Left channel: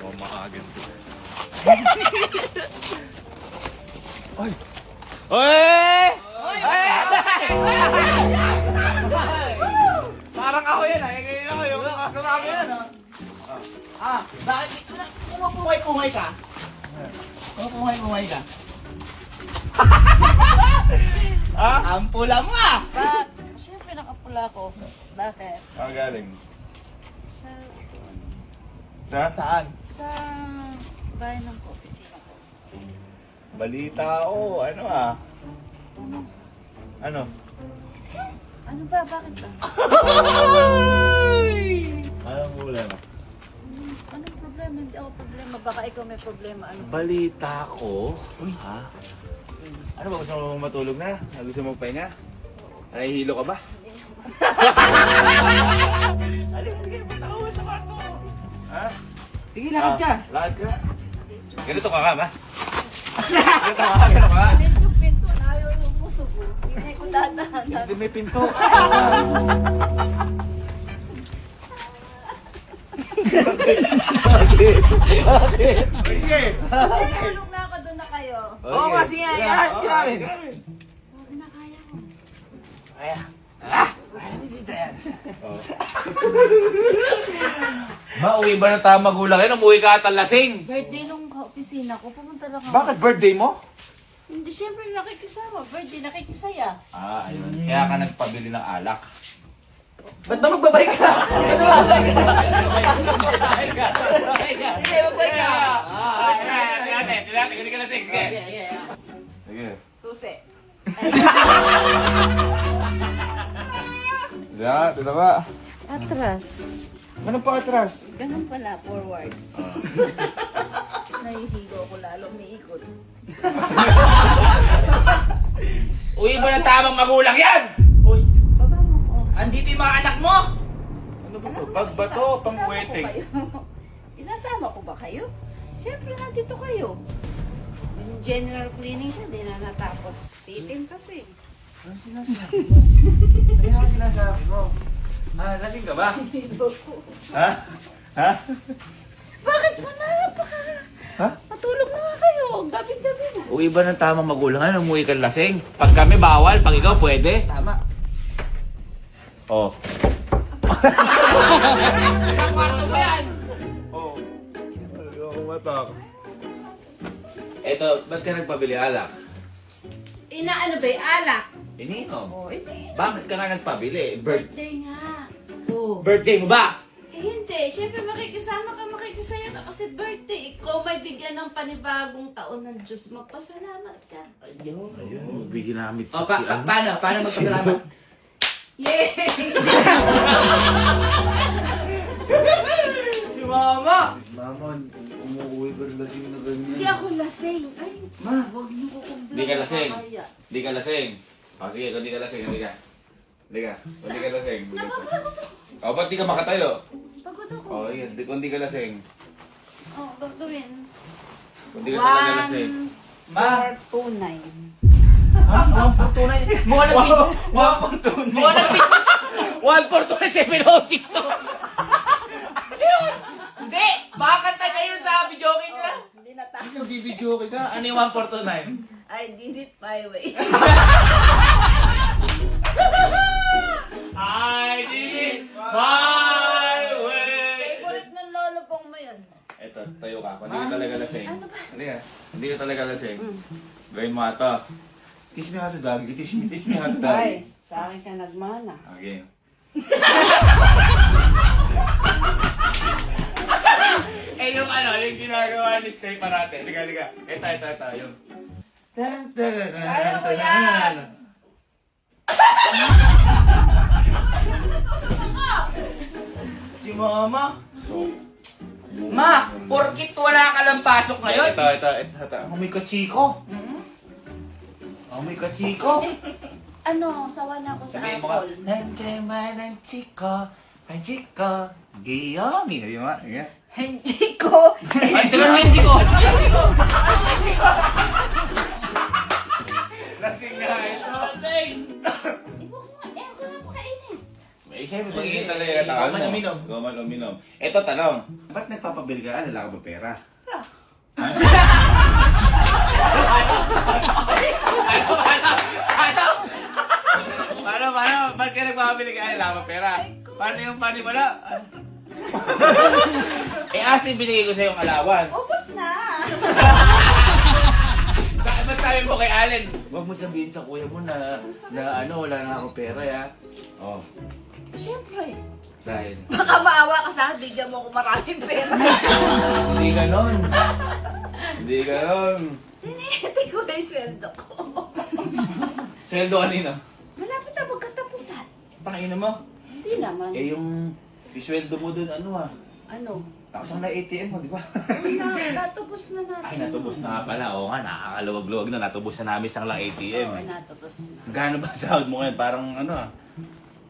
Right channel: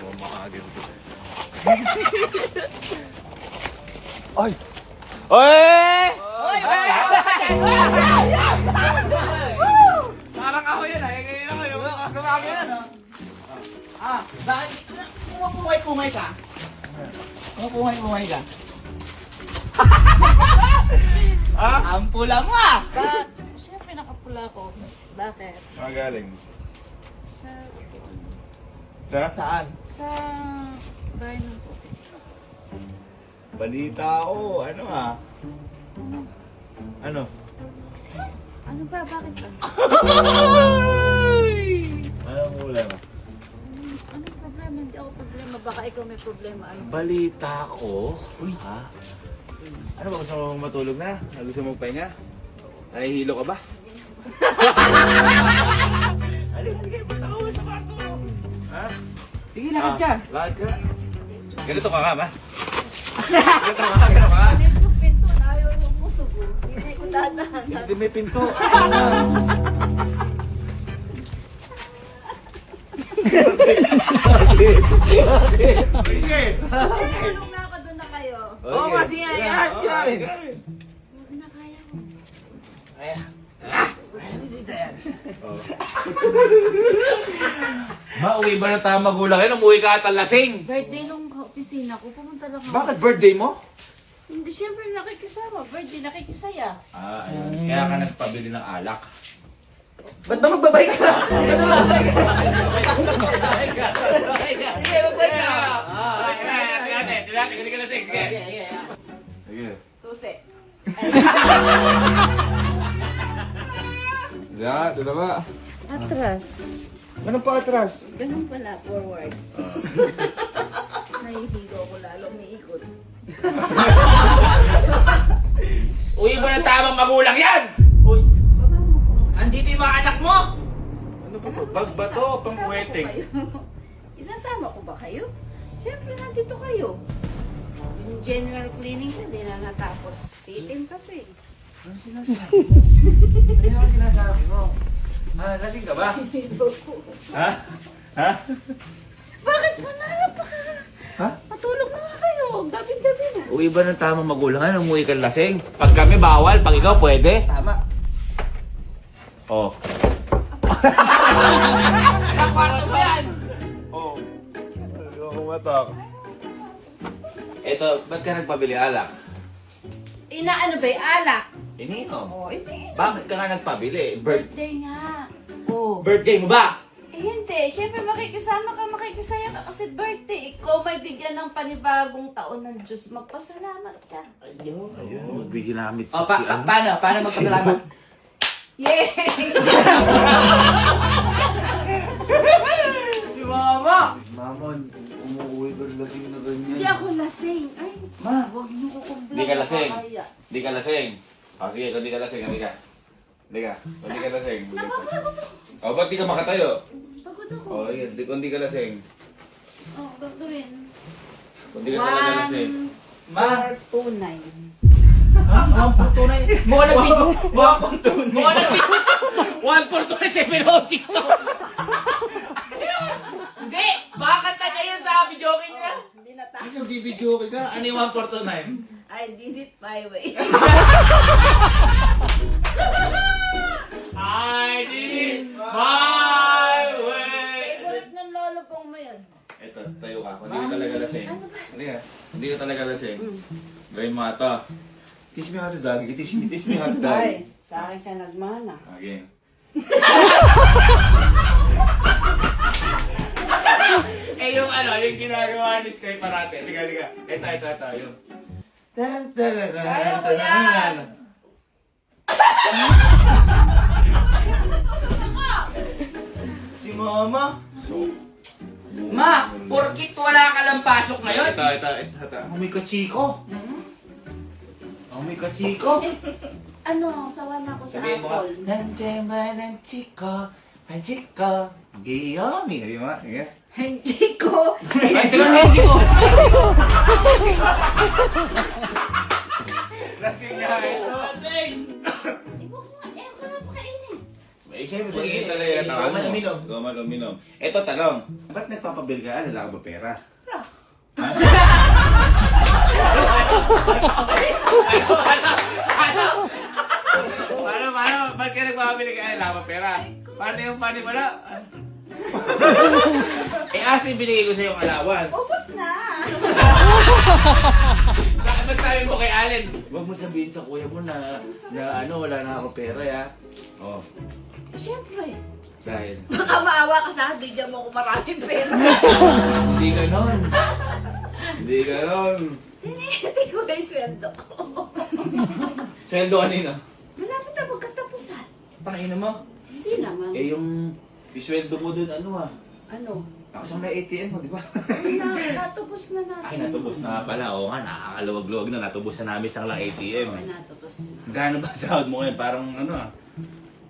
Mamakagin ko. Ay! Oy! Parang ako yan, ngayon ako yung kasama yan. Bakit umupuhay-puhay ka? Umupuhay-puhay ka? Ang pula mo Siyempre nakapula ko. Bakit? Galing. Sa Saan? bahay ng opisina. Balita ako, ano Ano? Ano ba? Bakit ba? Anong problema? Anong problema? Hindi ako problema. Baka ikaw may problema. Ano? Balita ko? Ha? Ano ba, gusto mo matulog na? Gusto mo magpahinga? Nahihilo ka ba? Sige, ba't ako sa bato? Ha? Sige, lakad ka. Lakad ka? Ganito ka ba? Ganito ka? Galit yung pinto. Ayaw yung musog. Hindi ko dadaan. Hindi may pinto. Bakit? Sige. Tulong na ako. Doon na kayo. Oo, kasi nga, iyahan ka namin. Huwag na kaya ko. Mauwi ba na tayo magulang yan? Umuwi ka at lasing. Birthday nung opisina ko. Pumunta lang ako. Bakit birthday mo? Hindi, siyempre nakikisama. Birthday, nakikisaya. Ayun. Kaya ka nagpabili ng alak. Ba't ba magbabay ka? Hindi, magbabay ka. Hindi ka lasing. Sige. Susi. Ito na ba? Atras. Ano pa atras? Ganun pala, forward. Nahihigo ako lalo, umiikot. Uwi mo na tamang magulang yan! Uy, Baba mo ko. andito yung mga anak mo. Ano ba to? Bag ba to? Pang wedding? Isasama ko ba kayo? Siyempre, nandito kayo. Yung general cleaning na, di na natapos. Sitim kasi. Ano sinasabi mo? Ano ang sinasabi mo? Lasing ka ba? Ha? Ha? Bakit mo na? Ha? Patulog na nga kayo. Gabi-gabi na. Uwi ba ng tamang magulang? Ano, umuwi ka lasing? Pag kami bawal, pag ikaw pwede? Tama. Oh. Kwarto mo yan. Oh. Ayoko matak. Eto, ba't ka nagpabili alak? Inaano ba yung alak? Ininom. Oh, hindi. Bakit ka nga nagpabili? Birthday nga. Oh. Birthday mo ba? Eh hindi, siyempre makikisama ka, makikisaya ka kasi birthday. Ikaw may bigyan ng panibagong taon ng Diyos. Magpasalamat ka. Ayun, ginamit O, ko si ano. paano magpasalamat? Yay! Si Mama. Mama, umuwi ka lasing na ganyan. Hindi ako lasing. Ay, Ma, huwag niyo ko kong Hindi ka lasing. Kaya. Hindi ka lasing. O sige, kung di ka lasing, hindi ka. Hindi ka. Kung di ka lasing. Napapagod ako. O, ba't di ka makatayo? Pagod ako. O, yun. Kung di ka lasing. Oh, gagawin. Kung di ka talaga lasing. 429. Ha? Ang tunay. Mukha ng video. Mukha ng video. 142,706 to! Hindi. Baka kanta na yun sa video okay nila. Hindi natapos. Yung bibidyo ka. Ano yung 149? I did it my way. I did it my way! Favorite ng lolo pong mo yun. Eto, tayo ka. Kung di ka talaga lasing. Ano ba? Hindi ka. Hindi ka talaga lasing. Gawin mo ito. Teach me how to dog. Teach me how to dog. Ay, sa akin ka nagmana. Okay. Yung ano, yung ginagawa ni Sky parate. Liga. Ito. Yung... Tan, tan, tan, tan, tan. Si Mama. Ma, porkit wala ka lang pasok ngayon. Ito. Amoy ka, Chico. Amoy ka, Chico. Ano, sawa na ako sa Sabihin mo nga. alcohol. Nandiyan ba ng Chico? Ay, Chico. Giyomi. Sabihin mo nga. Sige. Hindi ko. Ay, Chico, hindi ko. Lasing nga ito. Ibo ko nga, eh, ako na pakainin. May siyempre, magiging talaga tawag mo. Goman uminom. Goman uminom. Ito, tanong. Ba't nagpapabil ka? Wala ka ba pera? Paano? Ba't ka nagpapabili ka? Wala ka ba pera? Paano yung panimula? Asin binigay ko sa yung alawan. Ubot na. Ba't sabi mo kay Allen? Huwag mo sabihin sa kuya mo na wala na ako pera, ya. Oh, Siyempre. dahil. Baka maawa ka sa akin, bigyan mo ko maraming pera. Hindi ganon. Hindi ganon. Hindi ko na yung sweldo ko. Sweldo kanina. Malapit na magkatapusan. Pakina mo. Hindi naman. Yung sweldo mo dun, ano? Tapos ang na-ATM mo, di ba? Natubos na natin. Ay, natubos na nga pala. Oo nga, nakakaluwag-luwag na. Natubos na namin isang lang ATM. Oo, natubos na. Gano'n ba sahod mo ngayon? Parang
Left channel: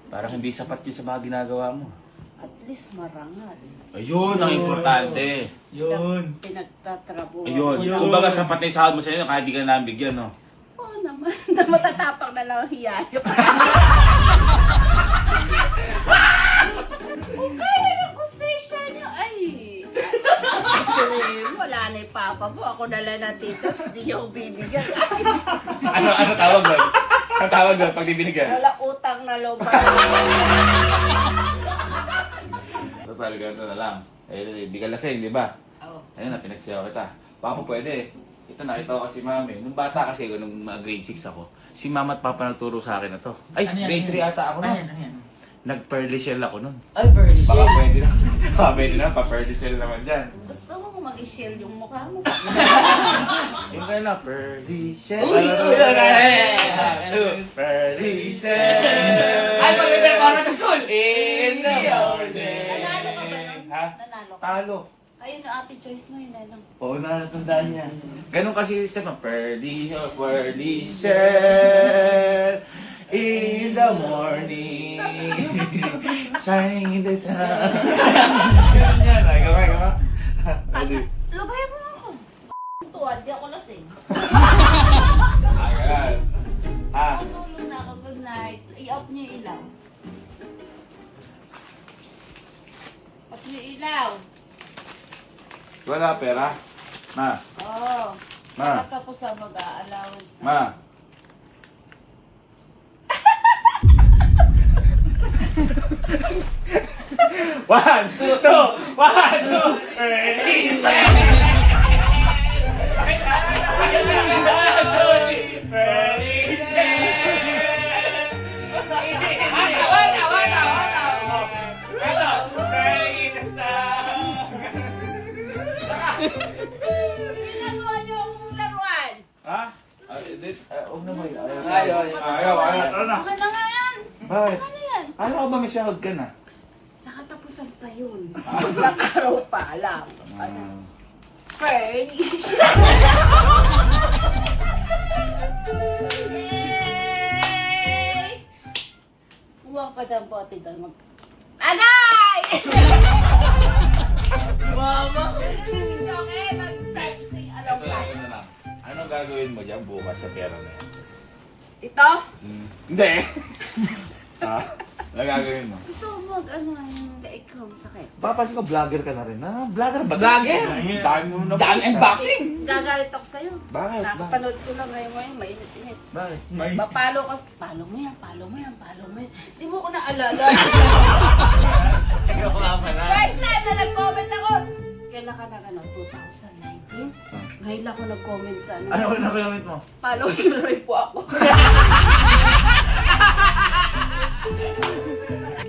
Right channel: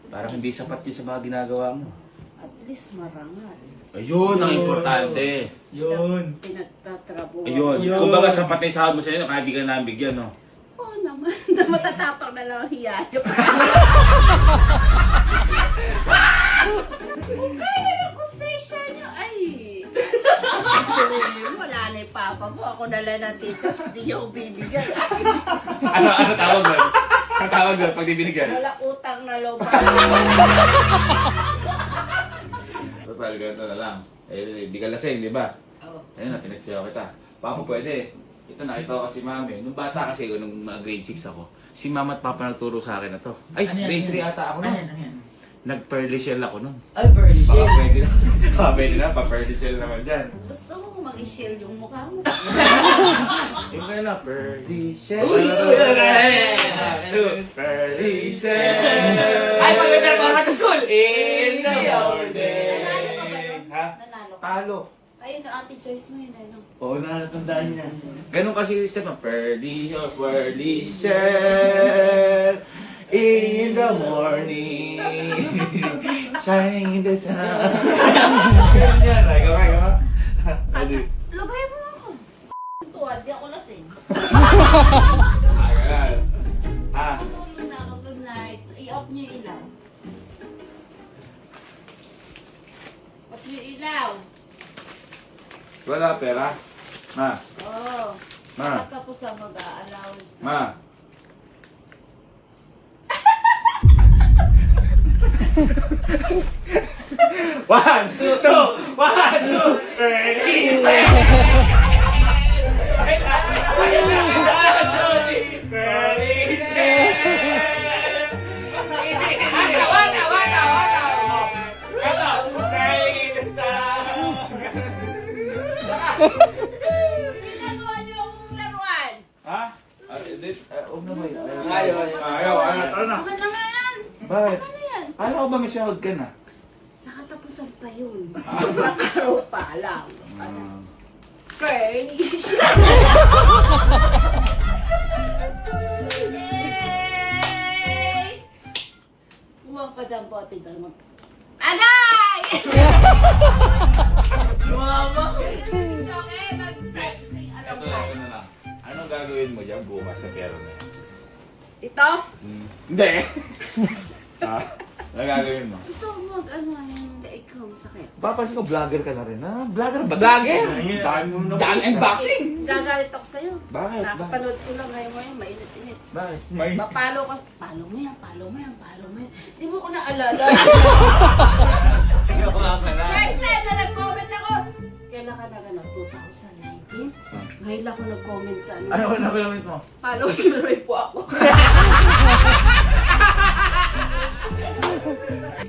parang hindi sapat yun sa mga ginagawa mo. At least marangal. Ayun, ang importante. Yun. Pinagtatrabuhan. Ayun. Ayun. Kumbaga sapat na yung sahod mo sa inyo, kahit di ka na namin bigyan, no? Oo naman. Matatapang na lang ang hiyayo. Kung kaya ng kusesya nyo, ay. Wala na yung papa mo. Ako na lang natitas. Di ako bibigyan. Ano tawag doon? Ang tawag doon pag di binigyan? Wala utang na loob. Total, ganito na lang. Di ka lasing, di ba? Oo. Ayun na, pinagsayaw kita. Papa, pwede. Ito, nakita ko kasi mami. Nung bata kasi ako, nung grade 6 ako, si mama at papa nagturo sa akin na to. Ay, Ano yan? grade 3 ata ako Ano nun. yan? Ano yan? Nag-pearly shell ako nun. Ay, Birdie Baka Shell. pwede na. Baka pwede na, pa-pearly shell naman dyan. Gusto mo mag-shield yung mukha mo. Yung kaya na, pearly shell. Uy! Pearly shell. Ay, magpe-performa sa school! In the morning. Nanalo ka ba nun? Ha? Nanalo ka. Talo. Ayun, yung ate Joyce mo yun. Ano? Oo, nakatandaan niya. Ganun kasi yung step ng pearly shell in the morning, shining in the sun. Ganun yan. Ay, gamay. Labayan mo ako. Tuwad, di ako lasing. Agad. Ah, Tutulog na ako. Good night. I-off niyo yung ilaw. Off niyo yung ilaw. wala pera. Ma, Oo. Ma. Tapos sa mag-a-allowance na. ma. One, two, pearly Laruan niyo akong laruan. Ha? Huwag na ba yun? Ayaw. Tara na. Ano nga yan? Bakit? Ano yan? Alam ko ba may sahod ka na? Sa katapusan pa yun. Sobrang araw pa lang. Furnish. Yay! Kuha pa dyan po, ate doon. Agay! Mama! Okay, mag-sexy. Alam Ito na lang. Anong gagawin mo dyan bukas sa pera na yan? Ito? Hindi. Ha? Anong gagawin mo? Gusto ko mag-ano yung leeg ko masakit. Papansin ko, vlogger ka na rin. Ha? Vlogger ba? Vlogger? Dami mo na. Dami unboxing! Gagalit ako sa'yo. Bakit? Nakapanood ko lang ngayon mo yun, mainit-init. Bakit? Mapalo ka. Palo mo yan. Di mo ko naalala. Ikaw nga pala. First time na nag-comment ako. Kailan ka na 2019? Ngayon ako nag-comment sa ano. Ano ko na comment mo? Follow nyo rin po ako.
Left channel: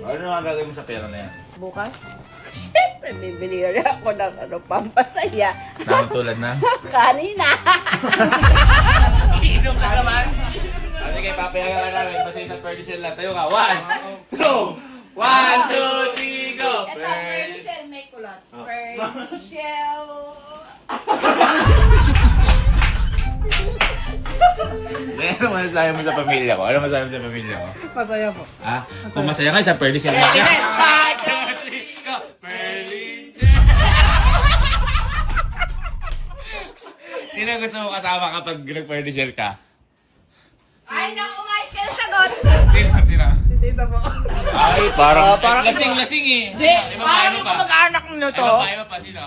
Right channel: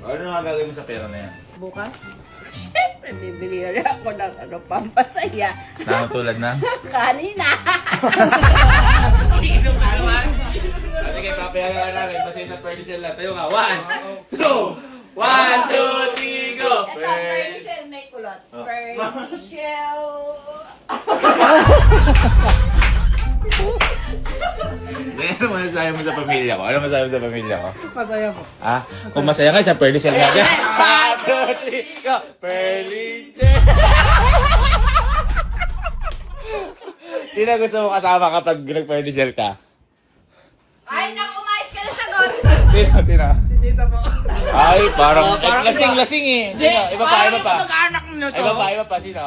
Ano nga gagawin mo sa pera na yan? Bukas? Siyempre, bibili rin ako ng pampasaya. Tulad na? Kanina. Inom ka naman. Sige, papayagan namin. Basta yung sa furniture lang. Tayo ka. 1, 2, 1, 2, 3, go! Ito, Pearly Shell may kulot. Pearly Shell. Ano masasabi mo sa pamilya ko? Ano masasabi mo sa pamilya ko? Masaya po. Ah, kung masaya ka sa furniture lang. 1, 2, 3, go! Furniture! Sino gusto mo kasama kapag nag-furniture ka? Ay, naku, mais ka na sagot. Sino? Si tita po. Ay, parang, Parang lasing-lasing eh. Hindi, Iba pa, parang iba pa. mag-anak nyo to. Iba pa, sino?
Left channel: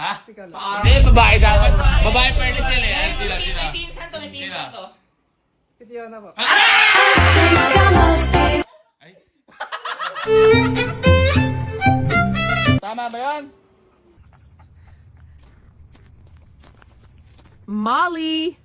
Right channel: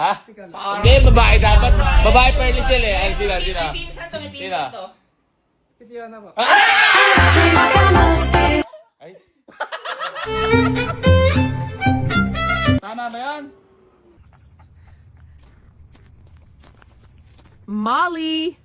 Ha? Si Kalo. Hindi, babae dapat. Babae Pearly Shell eh. Ay, sino? May pinsan to, may pinsan to. Si Fiona po. Ay. Tama ba yan? Molly!